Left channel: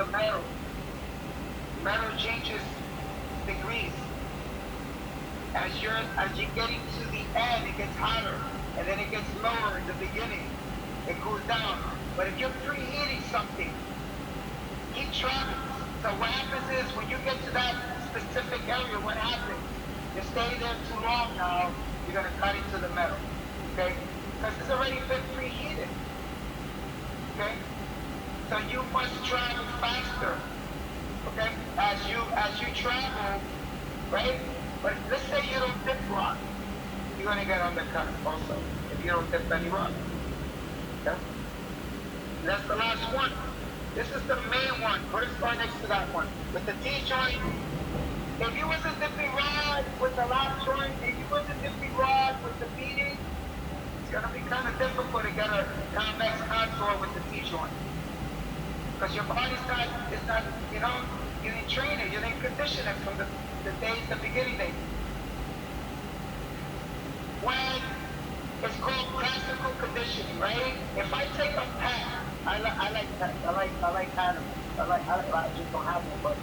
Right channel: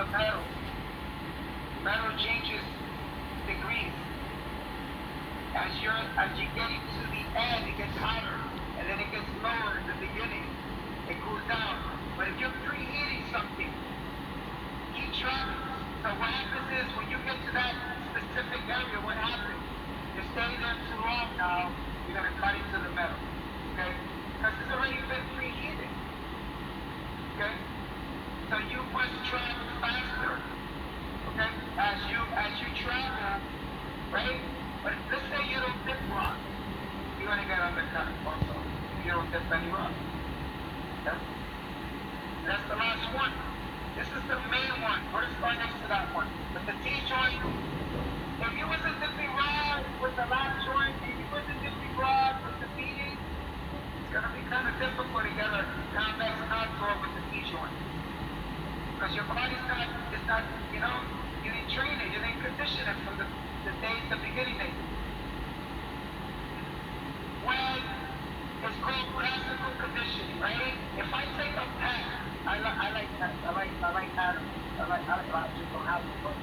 the metal. Metal changes degrees. As you're getting to the end, it gets hotter, and then it gets lower in the beginning. It cools down. But if you're preheating something, keep traveling. So what happens is when you get to that specific area, what happens? You're staying there too long now, you're gonna cut into the metal. Okay? Because it's already been preheated. Okay? So you must travel faster. Okay? As you travel, right? But let's say you don't dip rock, you're gonna get undercut also if you don't dip any rock. Okay? That's the last one. This is the main one. Put a star next to that one. With the T-joint, if you was a dipping rod with the lap joint, if you was a dipping rod with the feeding, it's gonna be kind of difficult to get a convex contour with the T-joint. Because your body's not, it's not, you know, you didn't train it, you didn't condition it from the beginning days. When it's called classical conditioning, right? If I take a pad, I like pets. I like animals. I just don't have one,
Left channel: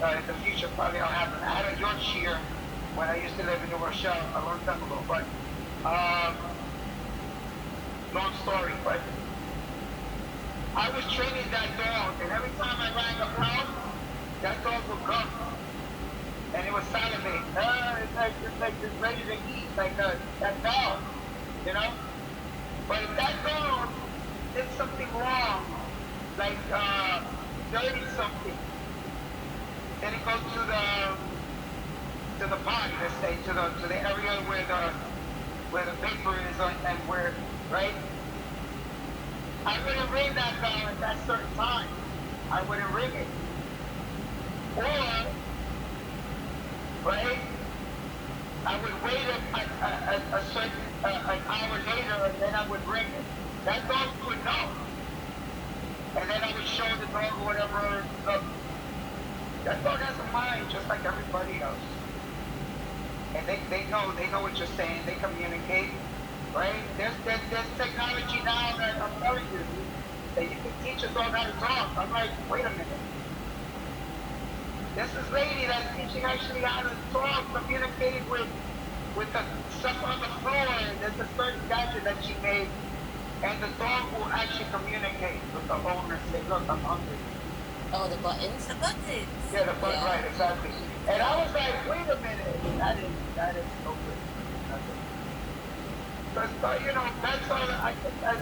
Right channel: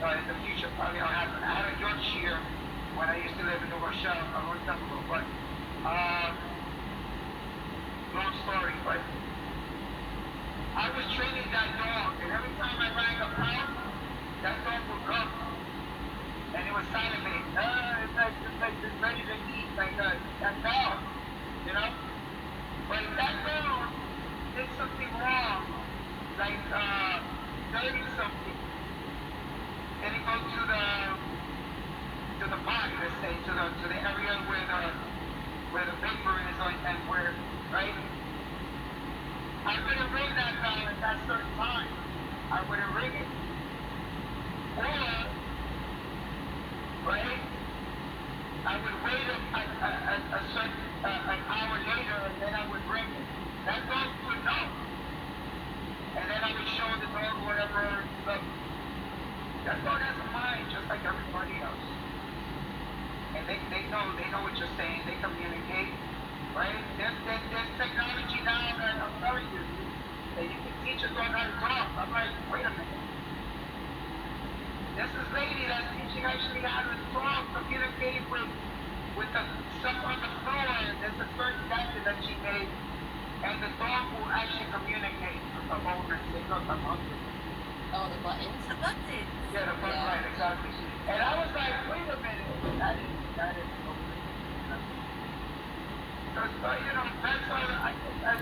but in the future probably I'll have one. I had a Yorkshire when I used to live in New Rochelle a long time ago, but long story, but I was training that dog, and every time I rang a pound, that dog would come. And it was salivating. It's like it's ready to eat, like that dog, you know? But if that dog did something wrong, like dirty something, then it goes to the body, let's say, to the area where the paper is and where, right? I wouldn't ring that bell at that certain time. I wouldn't ring it. Or, right? I would wait a certain an hour later, and then I would ring it. That dog would know, and then I would show the dog whatever. Look, that dog has a mind just like everybody else, and they know what you're saying. They communicate, right? There's technology now that I'm telling you that you can teach a dog how to talk. I'm like, wait a minute. This is lady that's teaching actually how to talk, communicating with the stuff on the floor, and there's a certain gadget that she made, and the dog will actually communicate with the owner and say, look, I'm hungry. Oh, the buttons? The buttons. Yeah, the button, right, exactly. And I was like, wait a minute, that is so good. But you know, pets are, I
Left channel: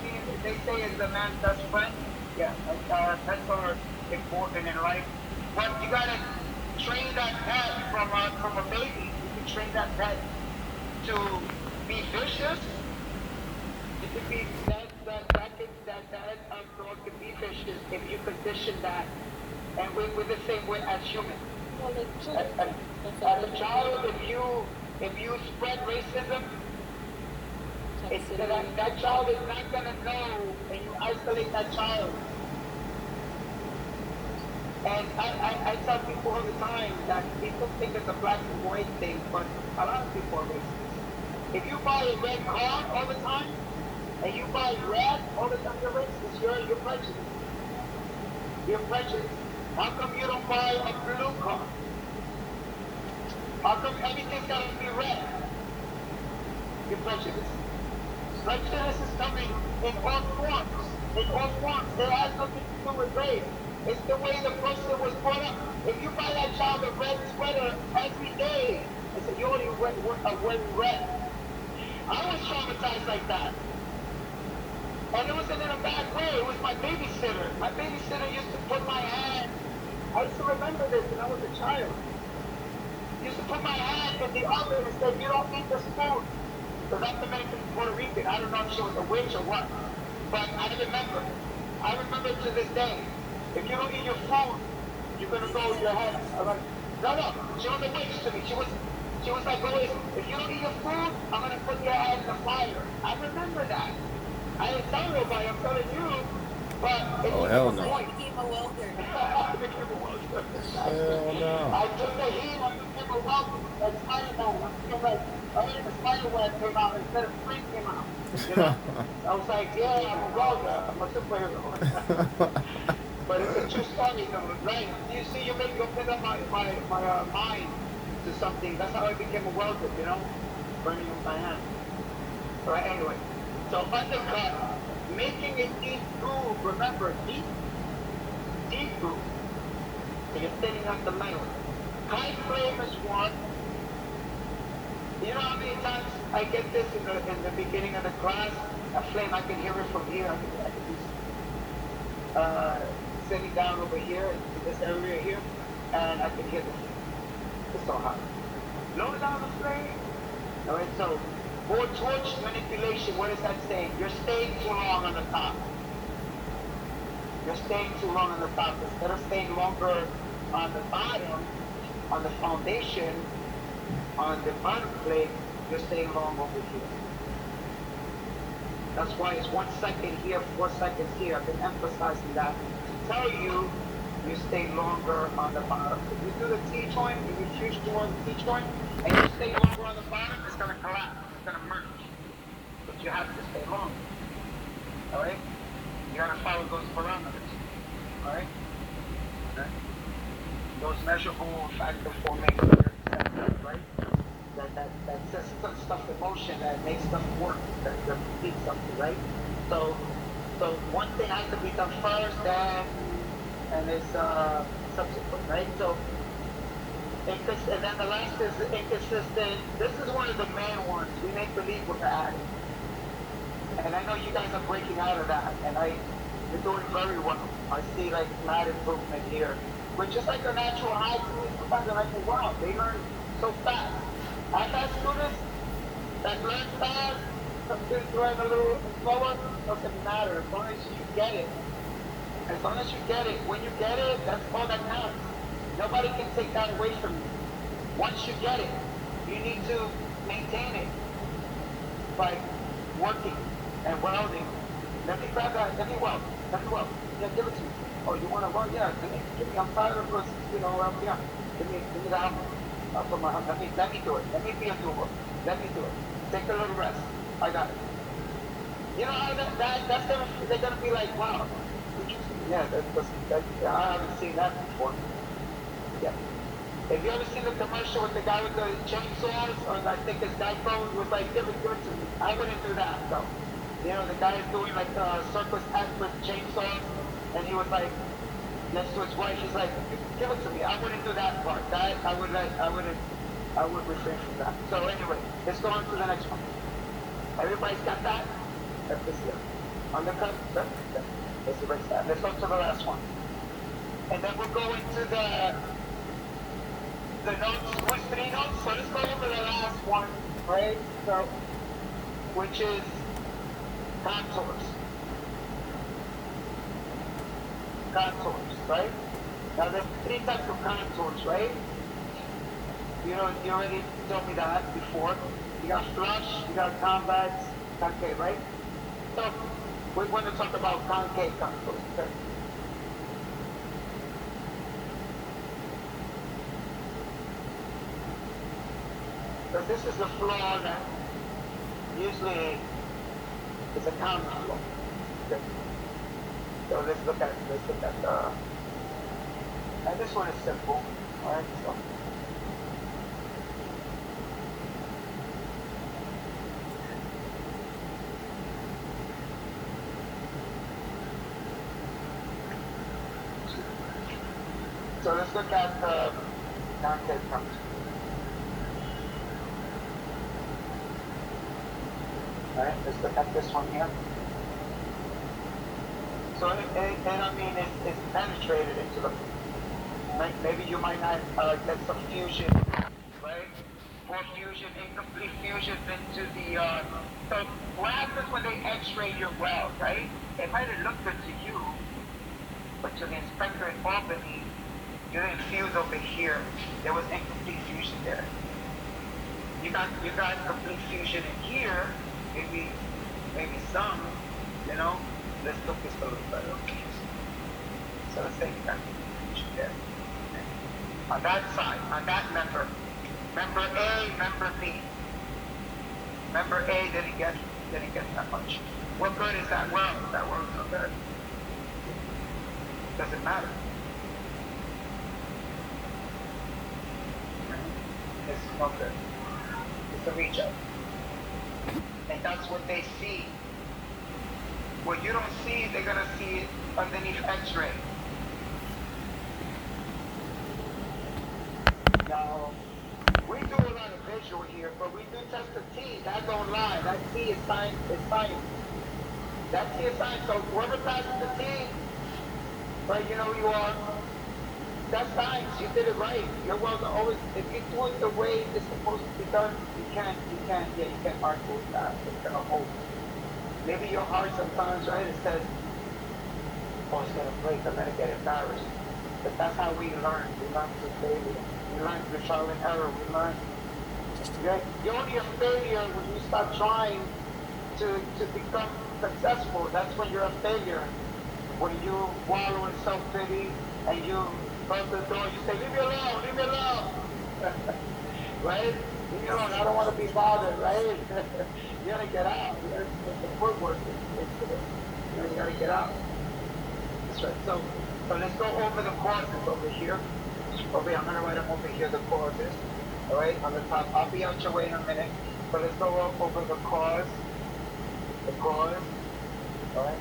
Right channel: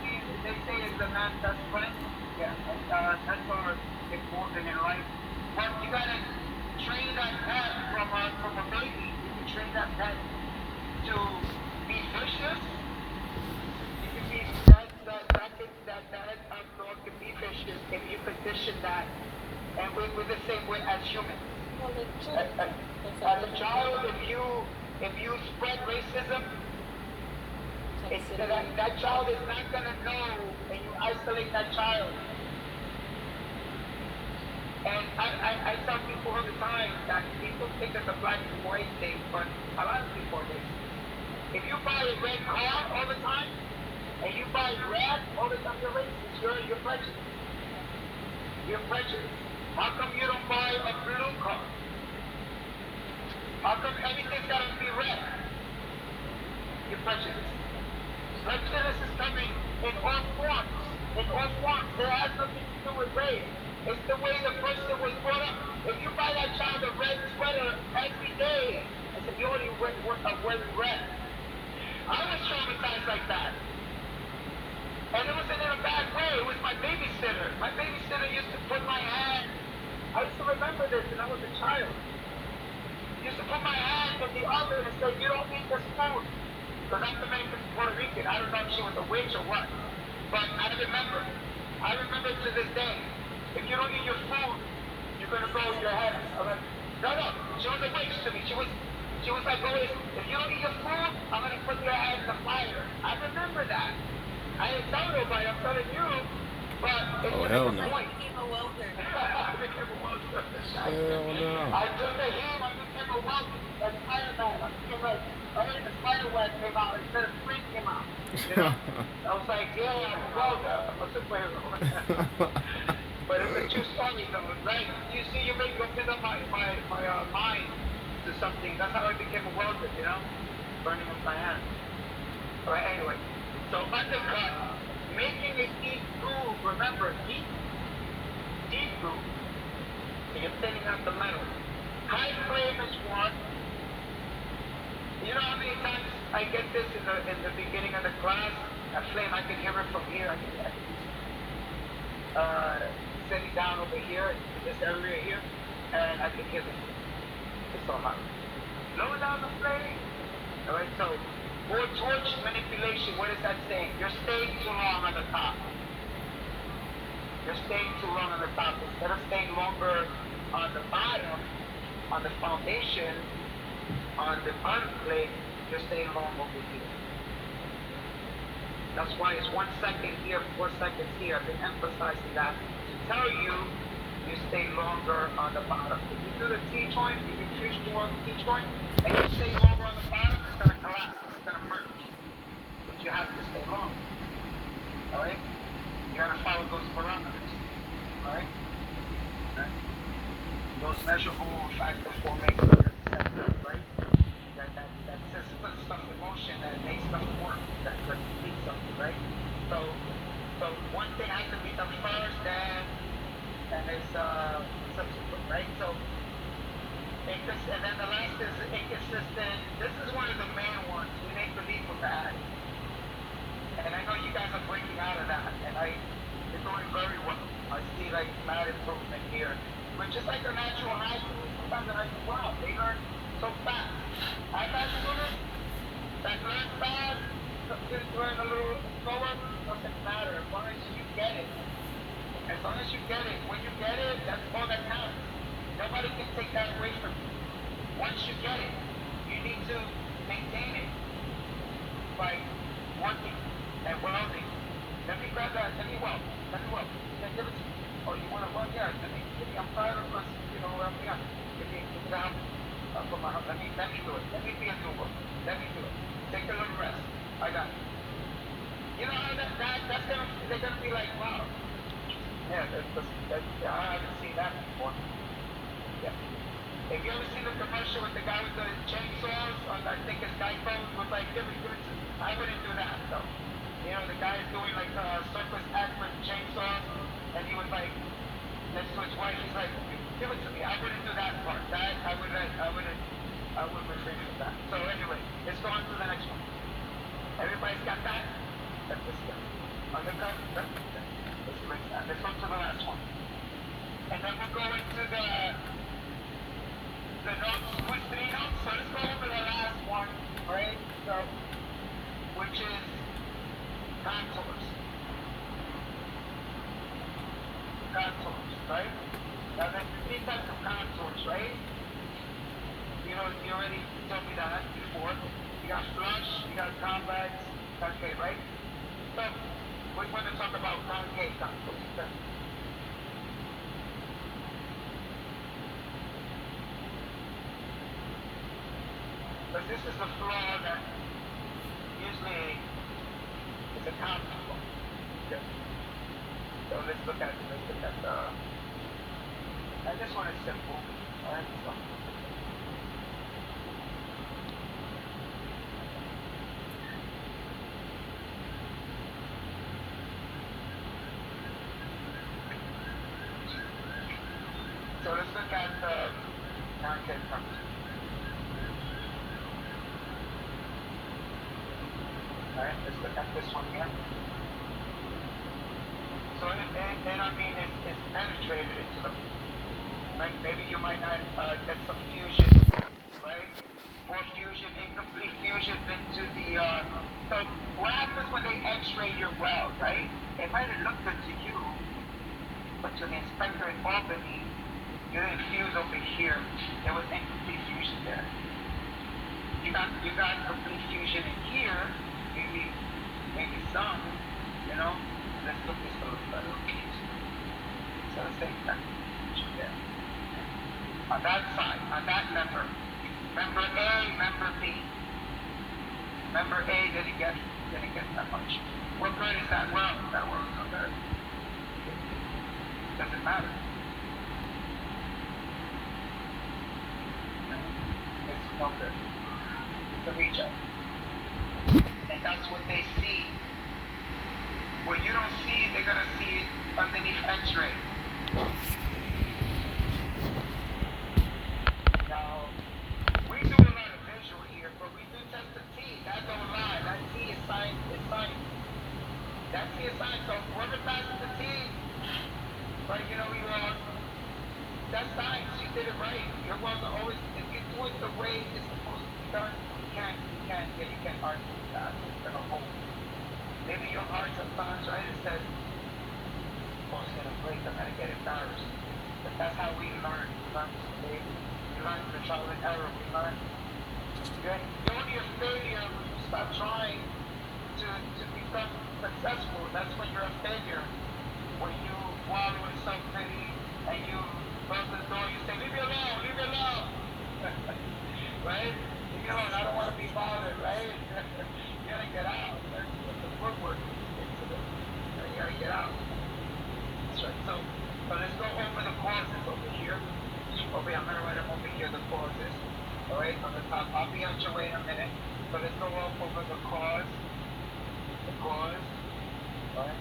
mean, they say is the man's best friend. Yeah, and pets are important in life. But you gotta train that pet from a baby. You can train that pet to be vicious. It can be that dog can be vicious if you condition that. And we're the same way as humans. As a child, if you spread racism, that child is not gonna know, and you isolate that child. And I tell people all the time that people think it's a black and white thing, but a lot of people are racist. If you buy a red car all the time, and you buy red all the time, you're racist. You're prejudiced. You're prejudiced. How come you don't buy a blue car? How come everything's gotta be red? You're prejudiced. Prejudice is coming in all forms. In all forms. It has nothing to do with race. It's the way the person was brought up. If you buy that child a red sweater every day, I said, you only wearing red. I was traumatized like that. And it wasn't in a bad way. It was my babysitter. My babysitter used to put my hand. I used to remember this when I was a child. Used to put my hand in the oven and say, you don't eat this food. Because I'm Dominican Puerto Rican. I don't know if she was a witch or what. But I remember. I remember to this day. If you don't eat your food, you're gonna go with your head. I'm like, no. She was a witch to me. She was like, always, if you don't eat your food, I'm gonna put your head in the fire. I remember that. I didn't tell nobody, I'm telling you, but it's hell the no. point. You became a welder. I became a welder. No. I took the heat, I became a welder. That's fire though. I feel like, I heard the spider web came out instead of free came out. You know? I was like, yeah, I'm a welder. I'm a superhero. But it's too funny, though, right? You see, you make open up my mind to something. That's how I became a welder, you know? Burning up my hand. All right, anyway. So undercut, making a deep groove. Remember, deep groove. So you're thinning out the metal. High flame is one. You know how many times I get this in the beginning of the class? A flame, I can hear it from here. I can be sitting down over here in this area here, and I can hear it. It's so hot. Lower down the flame. All right, so for torch manipulation, what is that saying? You're staying too long on the top. You're staying too long on the top. Instead of staying longer on the bottom, on the foundation, on the bottom plate, you're staying long over here. That's why it's 1 second here, 4 seconds here. I've been emphasizing that to tell you you stay longer on the bottom. If you do the T-joint, if you fuse more on the T-joint, and you stay longer on the bottom, it's going to collapse. It's going to merge. But you have to stay longer. All right? You got to follow those parameters. All right? Okay. Those measurable factors will make it, right? That sets stuff in motion, that makes stuff work, that completes something, right? So one thing has to be done first, and it's subsequent, right? So and then the last is inconsistent. This is one of the main ones. We make believe we're adding. And I know you guys are breaking out of that, and you're doing very well. I see like mad improvement here, which is like a natural high school. Sometimes I'm like, wow, they learn so fast. I got students that learn fast, some students learn a little slower, doesn't matter, as long as you get it. As long as you get it, when you get it, that's all that counts. Nobody can take that away from you. Once you get it, you need to maintain it by working and welding. Let me grab that, let me weld. Yeah, give it to me. Oh, you want to weld? Yeah, give me, I'm tired of this, yeah. Give me that. Let me do it. Let me be a doer. Let me do it. Take a little rest. I got it. You know how they're gonna be like, wow. Yeah, I haven't seen that before. Yeah. If you ever seen the commercial with the guy with the chainsaws, or I think his Geico was like, give it to me. I wouldn't do that, though. You know, the guy is doing like a circus act with chainsaws, and he was like, next to his wife, he's like, give it to me. I wouldn't do that part. I would refrain from that. So anyway, let's go on to the next one. Everybody's got that? That's this here. Undercut? Let's erase that. Let's go to the last one. And then we'll go into the notes, what's 3 notes? So let's go over the last one, right? So, which is contours. Contours, right? Now there's 3 types of contours, right? You know, you already told me that before. You got flush, you got convex, concave, right? So we're going to talk about concave contours. Okay? So this is the floor that usually is a common floor. Okay? So let's look at it. Let's look at now this one is simple. All right, so. So let's look at the concave contours. All right, let's look at this one here. So, and I mean, it's penetrated into the, maybe you might not get some fusion, right? More fusion, incomplete fusion into the, so what happens when they x-ray your weld, right? It might have looked good to you, but to the inspector in Albany, you didn't fuse over here. There was incomplete fusion there. You got complete fusion in here, maybe some, you know. Let's look this a little better. So let's say that there. On that side, on that member A, member B. Member A didn't get that much. What good is that? Well, that works not good. Doesn't matter. It's no good. It's a reject. And that's what they see. What you don't see, they're gonna see it underneath X-ray. Now, we do a lot of visual here, but we do test the T. That don't lie. That T is science. It's science. That T is science. So whoever passes the T, right, you know who you are. That's science. You did it right. You're welder always. If you do it the way it's supposed to be done, you can't argue with that. It's gonna hold. Maybe your heart sometimes, right? It says, "Oh, it's gonna break. I'm gonna get embarrassed." But that's how we learn. We learn through failure. We learn through trial and error. We learn. You're only a failure when you stop trying to become successful. That's when you're a failure. When you wallow in self-pity and you close the door, you say, leave me alone, leave me alone. Right? Leave me alone, I don't want to be bothered, right? You gotta get out. You gotta put the footwork into this. You gotta get out. That's right. So let's go over the causes over here. Over here, I'm gonna write them over here, the causes. Alright, on the top. I'll be out your way in a minute. So let's go over the cause. The cause. Alright.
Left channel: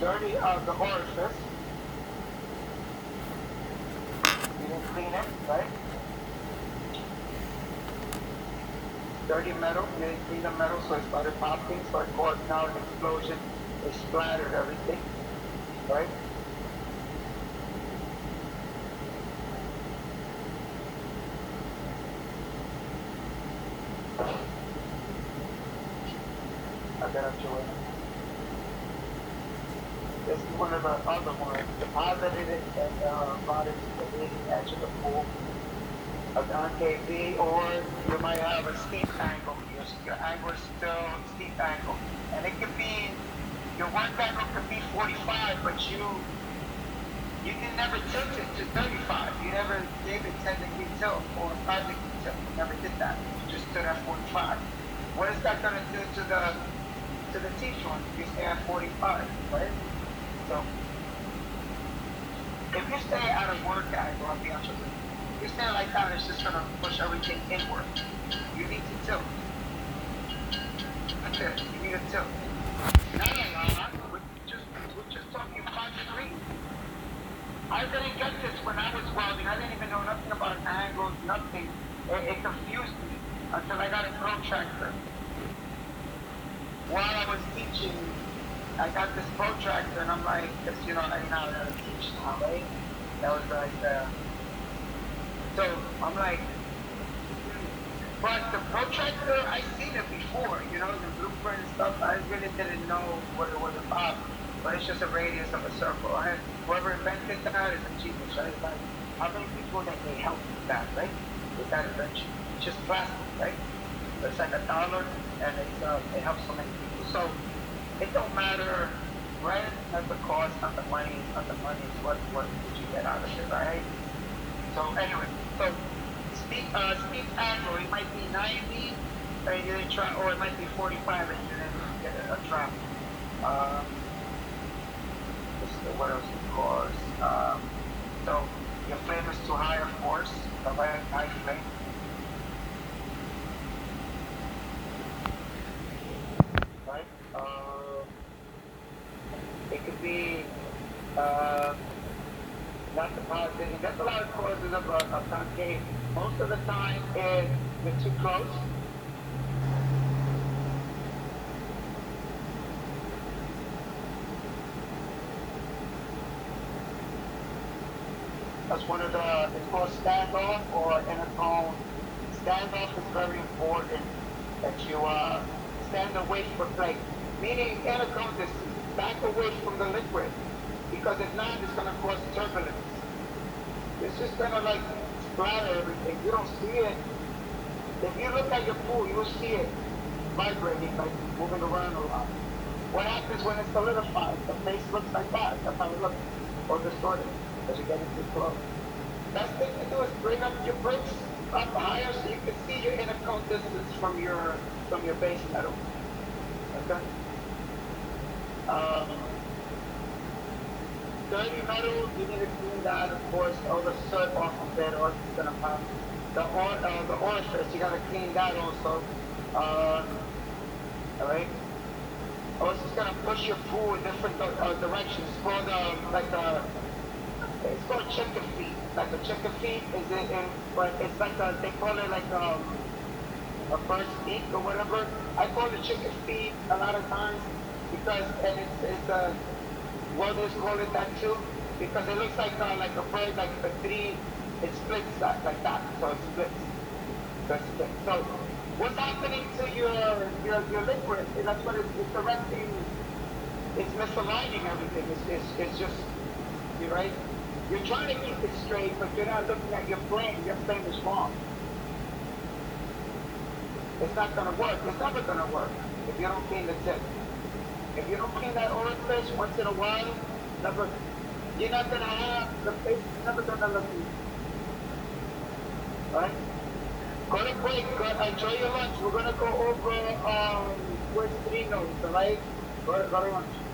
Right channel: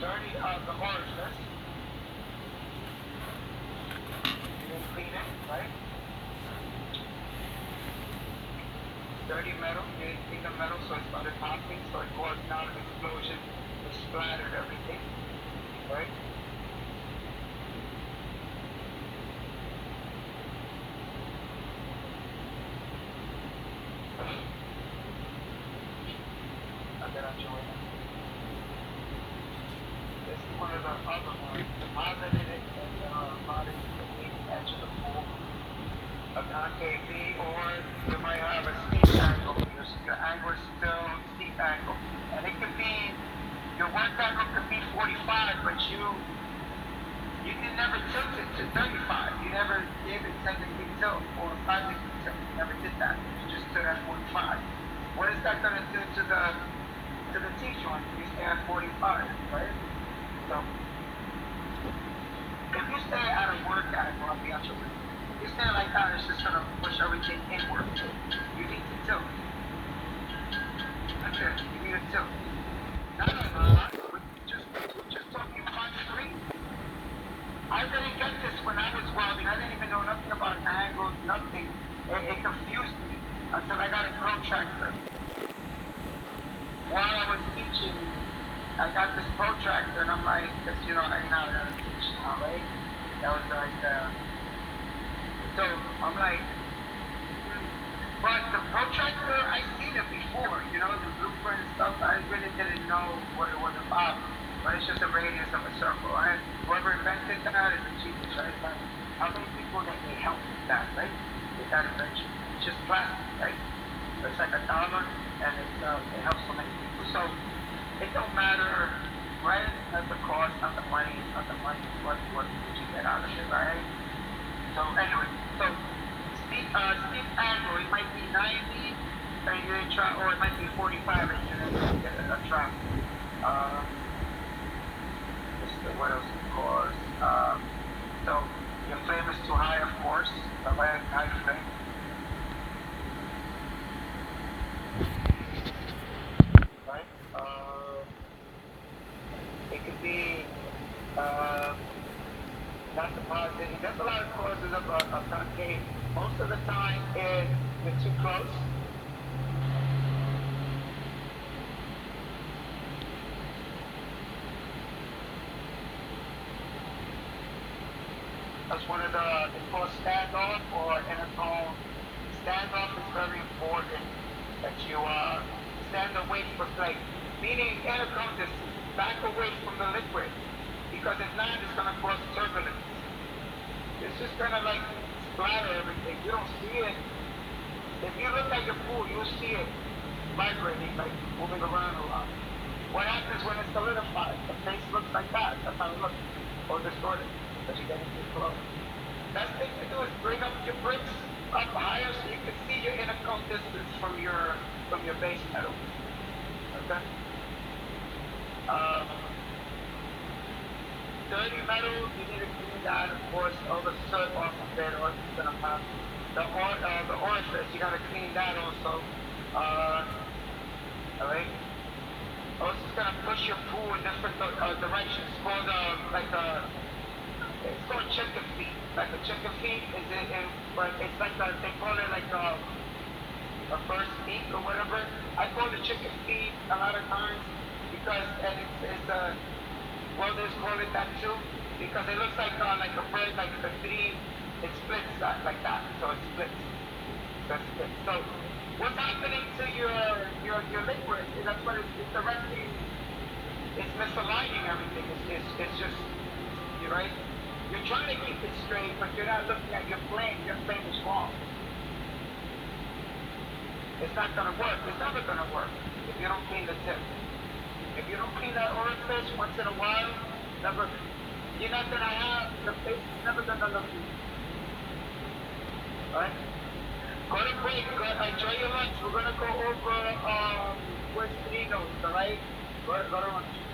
Dirty the orifice. You didn't clean it, right? Dirty metal, you didn't clean the metal, so it started popping, so it caused now an explosion. It splattered everything, right? I got a joy. This is one of the other ones. Deposited it and brought it to the edge of the pool. Okay, or you might have a steep angle. Your angle is still steep angle. And it could be, your work angle could be 45, but you can never tilt it to 35. You never gave it 10 degree tilt or 5 degree tilt. You never did that. You just stood at 45. What is that going to do to the T-joint? You stay at 45, right? So, if you stay at a work angle, I'll be out your way. If you stay like that, it's just going to push everything inward. You need to tilt. Okay, you need to tilt. Not a lot. We're just talking 5 degrees. I didn't get this when I was welding. I didn't even know nothing about angles, nothing. It confused me until I got a protractor. While I was teaching, I got this protractor, and I'm like, because, you know, I didn't know how to teach now, right? That was like, so I'm like, but the protractor, I seen it before, you know, the blueprint and stuff. I really didn't know what it was about, but it's just a radius of a circle. And whoever invented that is a genius, right? Like, how many people that they helped with that, right? With that invention, it's just plastic, right? It's like $1, and it helps so many people. So it don't matter, right? Not the cost, not the money, not the money. What did you get out of it, right? So anyway, so steep angle, it might be 90, and you didn't try, or it might be 45, and you didn't get a trap. What else it cause? So your flame is too high, of course. The high flame. Right? It could be not depositing. There's a lot of causes of a concave. Most of the time is you're too close. That's one of the, it's called standoff or intertone. Standoff is very important that you stand away from the plate. Meaning intertone, just back away from the liquid. Because if not, it's going to cause turbulence. It's just going to like splatter everything. You don't see it. If you look at your pool, you'll see it vibrating, like moving around a lot. What happens when it solidifies? The face looks like that. That's how it looks. Or distorted. Because you're getting too close. Best thing to do is bring up your brakes up higher so you can see your inner cone distance from your base metal. Okay? Um, dirty metal, you need to clean that, of course, all the soot off of it, or it's gonna pass. The orifice, you gotta clean that also. Alright? Also, it's gonna push your pool in different directions. It's called it's called chicken feet. Like a chicken feet is but it's like they call it like a first feet or whatever. I call it chicken feet a lot of times because and it's welders call it that too because it looks like a bird like the three it splits that like that so it splits. That's it. So what's happening to your liquid? That's what it's directing. It's misaligning everything. It's just you're right. You're trying to keep it straight, but you're not looking at your plane. Your plane is wrong. It's not gonna work. It's never gonna work if you don't clean the tip. If you don't clean that orifice once in a while, never. You're not gonna have the face. Is never gonna look good. All right. Go to break. Enjoy your lunch. We're gonna go over where's Trino's. All right. Go to lunch.